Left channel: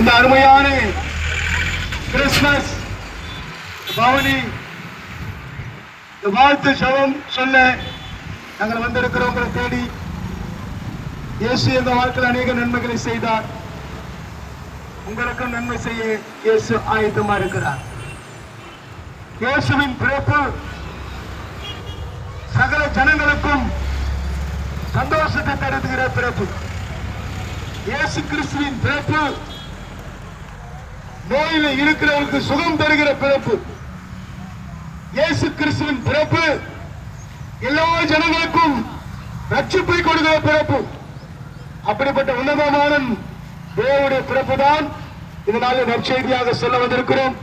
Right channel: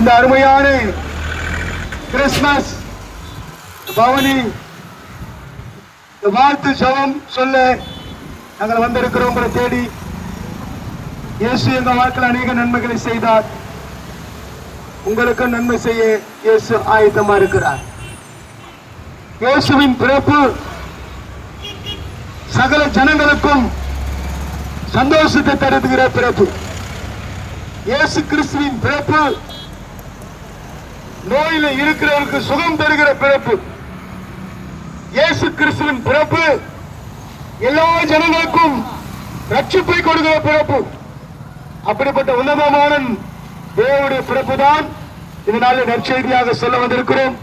இந்த அருமையான கிறிஸ்துமஸ் பவனி வாழ்த்து ஜெபம் சொல்ல நாங்கள் வந்திருக்கிறோம். உங்களை தேடி இயேசு எங்க வாழ்க்கையில் அநேக நன்மைகளை செய்தார். உங்களுக்கு நன்மை செய்ய இயேசு ஆயத்தமா இருக்கிறார். இயேசுவின் பிறப்பு சகல ஜனங்களுக்கும் சந்தோஷத்தை தருகிற பிறப்பு. இயேசு கிறிஸ்துவின் பிறப்பு நோயில இருக்கிறவருக்கு சுகம் தருகிற பிறப்பு. இயேசு கிறிஸ்துவின் பிறப்பு எல்லா ஜனங்களுக்கும் ரட்சிப்பை கொடுக்கிற பிறப்பு. அப்படிப்பட்ட உன்னதமான தேவனுடைய பிறப்பு தான் இதனால நற்செய்தியாக சொல்ல வந்திருக்கிறோம்.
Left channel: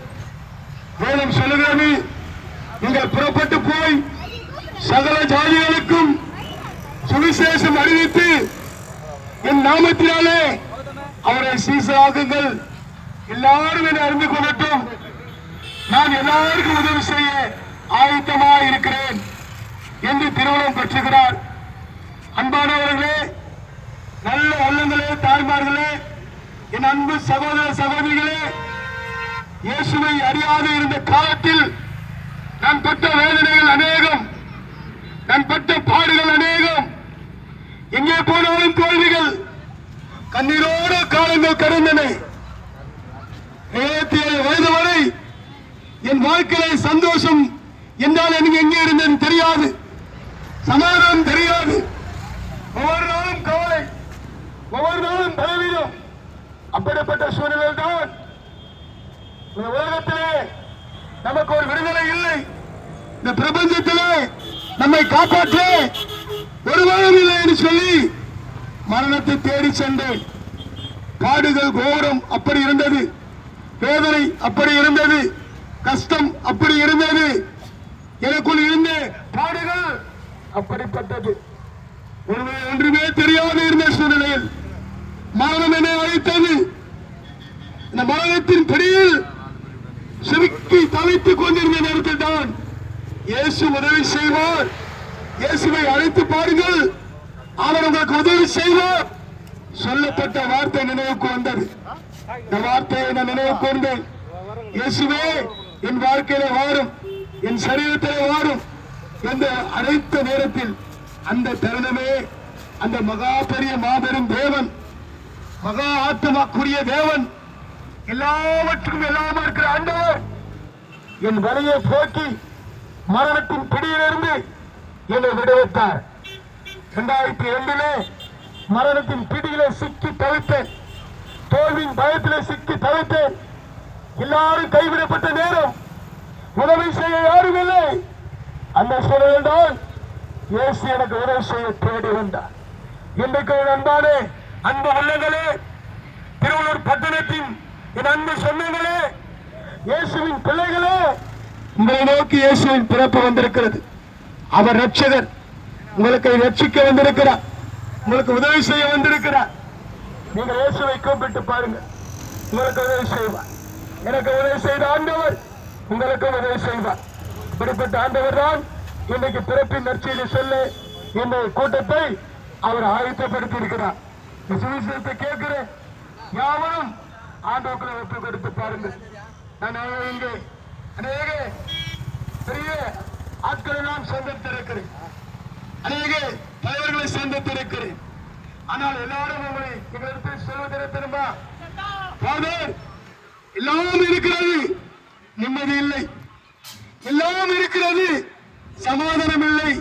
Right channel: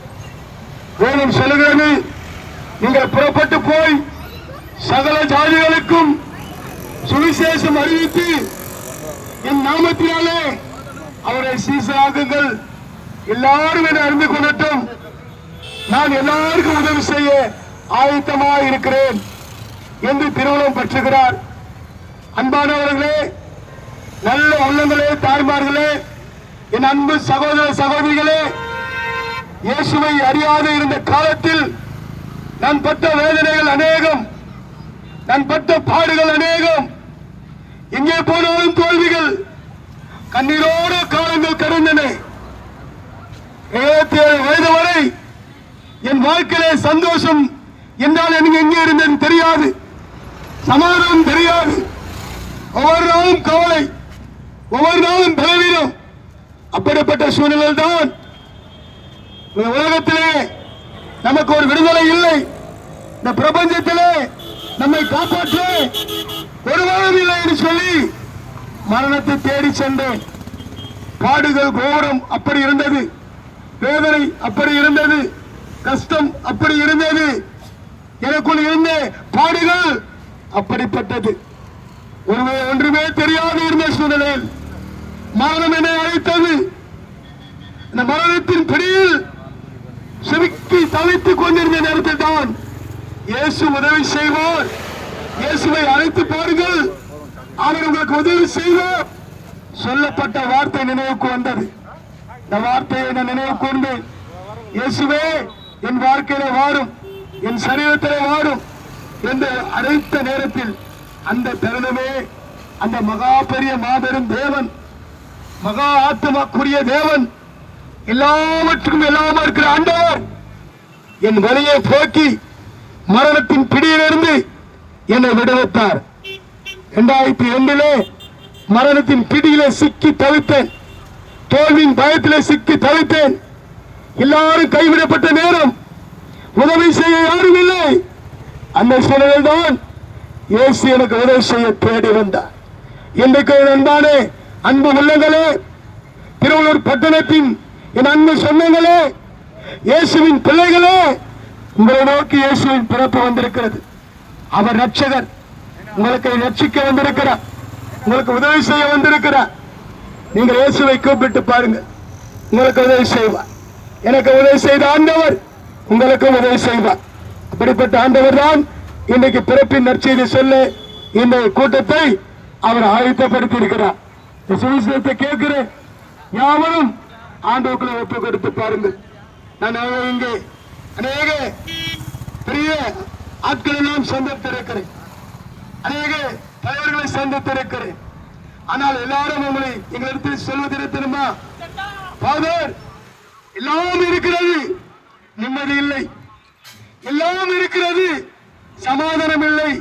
வேதம் சொல்லுகிறது, நீங்கள் புறப்பட்டு போய் சகல ஜாதிகளுக்கும் சுவிசேஷம் அறிவித்து என் நாமத்தினாலே அவரை சீசராகுங்கள். எல்லாரும் என அறிந்து கொள்ளட்டும். நான் எல்லாருக்கும் உதவி செய்ய ஆயத்தமாக இருக்கிறேன் என்று திருவுளம் பற்றுகிறார். அன்பானவர்களே, நல்ல உள்ளங்களே, தாய்மார்களே, என் அன்பு சகோதர சகோதரிகளே, இயேசுவை அறியாத இருந்த காலத்தில் நான் பட்ட வேதனைகள் அநேகம், நான் பட்ட பாடுகள் அநேகம், எங்கே போனாலும் தோல்விகள், கண்ணீரோடு காலங்கள் கடந்தன. 77 வயது வரை என் வாழ்க்கையிலே சந்தோஷம் என்றால் எனக்கு எங்கே இருந்தேன் தெரியாது, சமாதானம் தெரியாது. ஒவ்வொரு நாளும் கவலை, ஒவ்வொரு நாளும் பலவீனம். அப்படிப்பட்ட சூழ்நிலையில் தான் உலகத்திலே நமக்கு ஒரு விடுதலை இல்லை. இந்த பிரபஞ்சத்திலே நம்மை காப்பாற்ற ஒருவரும் இல்லை என்று சொல்லி மரணத்தை தேடி சென்றேன். பாடுகள் கோரம் அப்படி இருந்தது, வேதனை அப்படி இருந்தது, கஷ்டம் அப்படி இருந்தது, எனக்குள் இருந்த பாடுகள் அப்படிப்பட்டது. ஒன்றுமே தெரியாது இருந்த சூழ்நிலையில் மரணம் என்னை அழைத்தது. இந்த மரணத்தின் பிடியில் சுருக்கி தவித்துக் கொண்டிருந்த நேரத்தில் தான் இயேசு உதவி செய்வார். இயேசுவை அழைத்து பாருங்கள், அவர் உங்களுக்கு உதவி செய்வார். சொல்லப்பட்ட வார்த்தை நினைவுக்கு வந்தது. இந்த வார்த்தையை நான் நினைவு கொண்டேன். இயேசுவே என் வாழ்க்கையில வாரும், என் சரீரத்திலே வாரும் என்று அழைத்த நேரத்தில் அந்த தருணமே அந்த மகா பெரிய மாபெரும் தேவன், மகா ஆத்மாக்குரிய தேவன், எல்லாவற்றுக்கும் எல்லாமா இருக்கிற ஆண்டவர் என் வழியை போக்கி மரணத்தின் பிடியிலிருந்து என்னை விடுவித்தார். 2002 மரணத்தின் பிடியிலே சிக்கி தவித்தேன், தோல்வியின் பயத்திலே சிக்கி தவித்தேன். எல்லாரும் கைவிடப்பட்ட நேரம், உதவி செய்ய யாரும் இல்லை. அந்த சூழலில் தான் இயேசு எனக்கு உதவி செய்ய தேடி வந்தார். இன்றைக்கு அன்பான அன்பு உள்ளங்களே, திருவள்ளூர் பட்டணத்தின் என் அன்பு சொந்தங்களே, இயேசுவின் பிள்ளைகளே, உங்களை நோக்கி இயேசுவின் பிறப்பு வந்திருக்கிறது. அவர் ரட்சகர், உங்களுக்கு ரட்சிக்க வந்திருக்கிறார், உங்களுக்கு உதவி செய்ய வந்திருக்கிறார். நீங்கள் இயேசுவை கூப்பிட்டு பாருங்க, உங்களுக்கு உதவி செய்வார். எனக்கு உதவி செய்த ஆண்டவர் உங்களுக்கு உதவி செய்வார். அப்படிப்பட்ட ஆண்டவர் தான் இன்றைக்கு பிறப்பின் நற்செய்தி சொல்ல இந்த கூட்டத்தை அவர் ஆயத்தப்படுத்தி இருக்கிறார். சுவிசேஷத்தை கேட்கிறேன், யாவரும் ஆண்டவர்களை ஒப்பு கொடுத்து பாருங்கள். நான் இங்கே அநேக பெரிய ஆட்கள் எல்லாம் சந்தித்திருக்கிறேன், அநேக தலைவர்களை சந்தித்திருக்கிறேன். ஆனால் எல்லாரும் உங்களை எங்களிடத்தில் சொல்வதில்லை தெரியுமா? ஃபாதர், எல்லாம் இருக்கிறது, நிம்மதி இல்லை, எல்லாம் இருக்கிறது, சமாதானம் இல்லை,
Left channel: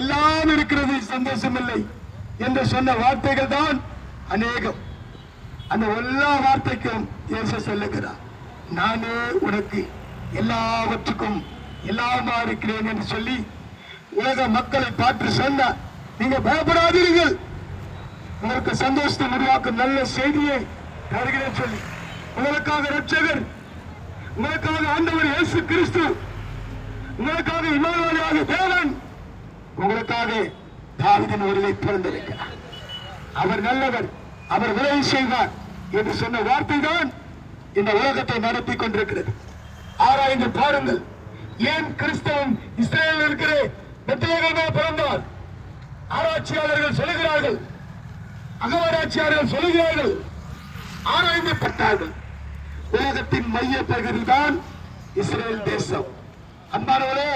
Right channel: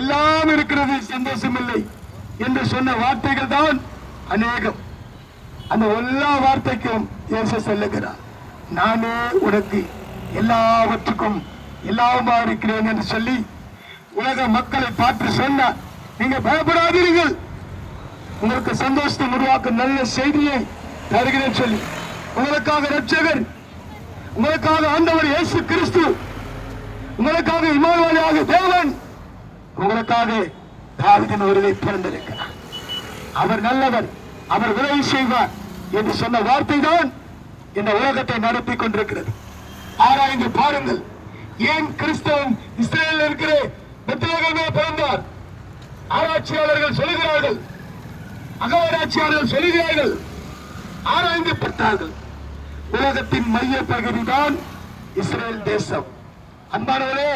எல்லாம் இருக்கிறது, சந்தோஷம் இல்லை என்று சொன்ன வார்த்தைகள் தான் அநேகம். அந்த எல்லா வார்த்தைக்கும் இயேசு சொல்லுகிறார், நானே உனக்கு எல்லாவற்றுக்கும் எல்லாமா இருக்கிறேன் என்று சொல்லி உலக மக்களை பார்த்து சொன்னார். நீங்க பயப்படாதீர்கள், உங்களுக்கு சந்தோஷத்தை உருவாக்கும் நல்ல செய்தியை தருகிறேன் சொல்லி உங்களுக்காக ரட்சகர், உங்களுக்காக ஆண்டவர் இயேசு கிறிஸ்து, உங்களுக்காக இமானுவேலாக தேவன், உங்களுக்காக தாவீதின் ஊரிலே பிறந்திருக்கிறார். அவர் நல்லவர், அவர் உதவி செய்வார் என்று சொன்ன வார்த்தை தான் இந்த உலகத்தை நடத்தி கொண்டிருக்கிறது. ஆராய்ந்து பாருங்கள், ஏன் கிறிஸ்தவன் இஸ்ரேலில் இருக்கிற பெத்லகேமில் பிறந்தார்? ஆராய்ச்சியாளர்கள் சொல்லுகிறார்கள், அகவராட்சியாளர்கள் சொல்லுகிறார்கள், ஆராய்ந்து உலகத்தின் மைய பகுதிதான் இஸ்ரேல் தேசம். அன்பானவரே,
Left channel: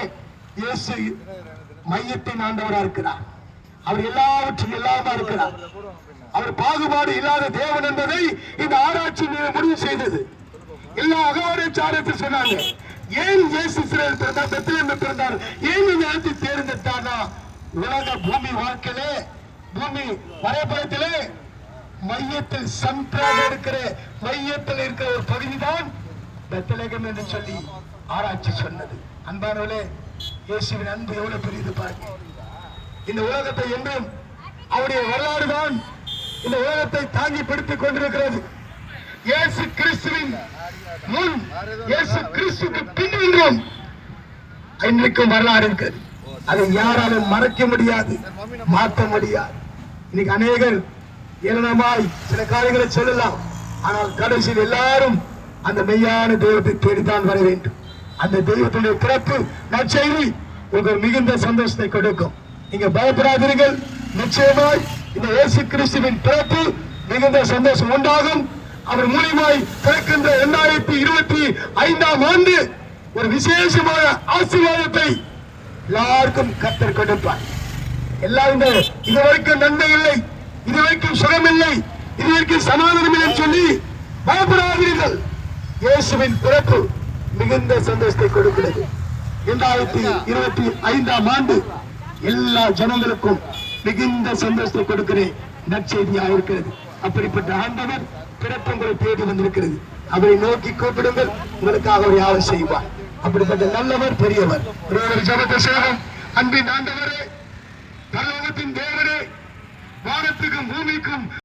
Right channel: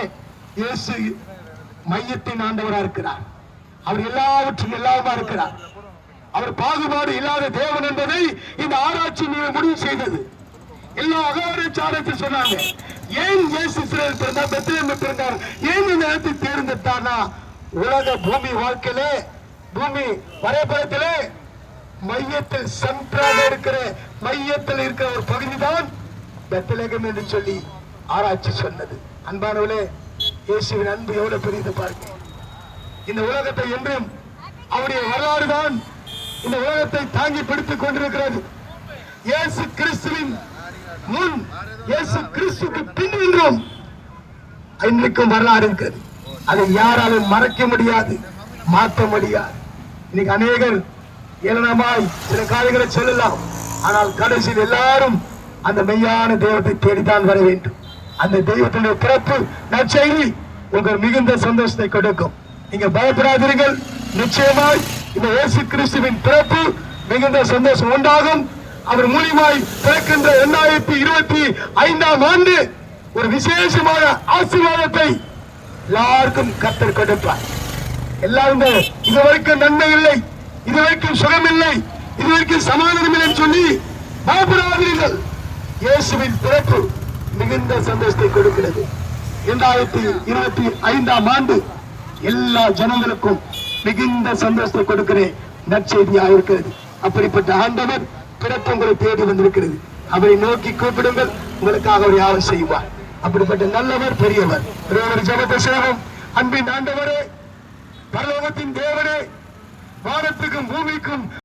இயேசு மையத்தின் ஆண்டவராக இருக்கிறார். அவர் எல்லாவற்றும் எல்லாமா இருக்கிறார். அவர் பாகுபாடு இல்லாத தேவன் என்பதை இந்த ஆராய்ச்சி முடிவு செய்தது. எல்லா அகவரைச்சாரத்தில் சொன்னாங்க, ஏன் இயேசு இஸ்ரேல் பிறந்தார், பெத்லகேமில் பிறந்தார், ஏன் இந்த இடத்தை தேர்ந்தெடுத்தார்னா, உலக பூமி வாழ்க்கையிலே, பூமி வரைபடத்திலே மையத்தில் சென்ட்ராக இருக்கிற மையத்தில் இருக்கிற ஒரு பகுதிதான் பெத்லகேம் என்று சொல்லி ஆராய்ச்சி சொன்னது. அன்பானவர்களே, இயேசுவின் அன்பு எவ்வளவு பெரியது பாருங்க. இந்த உலகத்தை என்றும் அவருடைய வரலாறு தான் இந்த உலகத்தை தாங்கி பிடித்துக் கொண்டிருக்கிறது. இயேசு கிறிஸ்துவின் முன், இயேசு கிறிஸ்துக்கு பின் என்றும் இன்றைக்கும் வரலாறு இருக்கிறது. அதை யாராலும் மறைக்க முடியாது, மாற்ற முடியாது. இன்னைக்கு அநேகர் ஏளனமாய் சில காரியங்களை சொல்லலாம். ஆனால் கடைசியில் எல்லாரும் அந்த மெய்யான தெய்வத்தை தேடித்தான் வர வேண்டும். அந்த தெய்வத்துடைய பிறப்பு நற்செய்தி உங்களுக்கு மிகுந்த சந்தோஷத்தை கொடுக்கும். நீங்க பயப்படாதீர்கள். நிச்சயமாய் இந்த இயேசு கிறிஸ்துவின் பிறப்பு மிகுந்த சந்தோஷம் உண்டாகும். அவர் மூலியமாய் பிறக்கின்ற 2025ஆம் ஆண்டு ஒரு விசேஷமான ஆசீர்வாதத்தை எல்லாருக்கும் கர்த்தர் கொடுப்பார். எல்லாரும் இதுவரைக்கும் நன்மை இல்லை, இதுவரைக்கும் சுகம் இல்லை, இதுவரைக்கும் சமாதானம் இல்லை சொல்லி பயப்படாதீர்கள். இயேசுவின் பிறப்பு மிகுந்த சந்தோஷத்தை கொடுக்கிறது. 2025ஆம் ஆண்டு எல்லா ஜனங்களுக்கும் மிகுந்த சந்தோஷத்தை கொடுக்கிற நற்செய்தியாக இருக்கிறது. அப்படிப்பட்ட ஆண்டவர் பிறப்பு உங்களை தேடி வந்திருக்கிறது. அவரை நோக்கி கூப்பிடுங்கள், உங்களுக்காக அவர் யாவும் செய்வார். அப்படிப்பட்ட நல்லவர், பெரியவர். ஜெபத்தை செய்வோம். அன்பின் ஆண்டவரே, பரலோகத்தின் தேவனே, வானத்துக்கும் பூமிக்கும்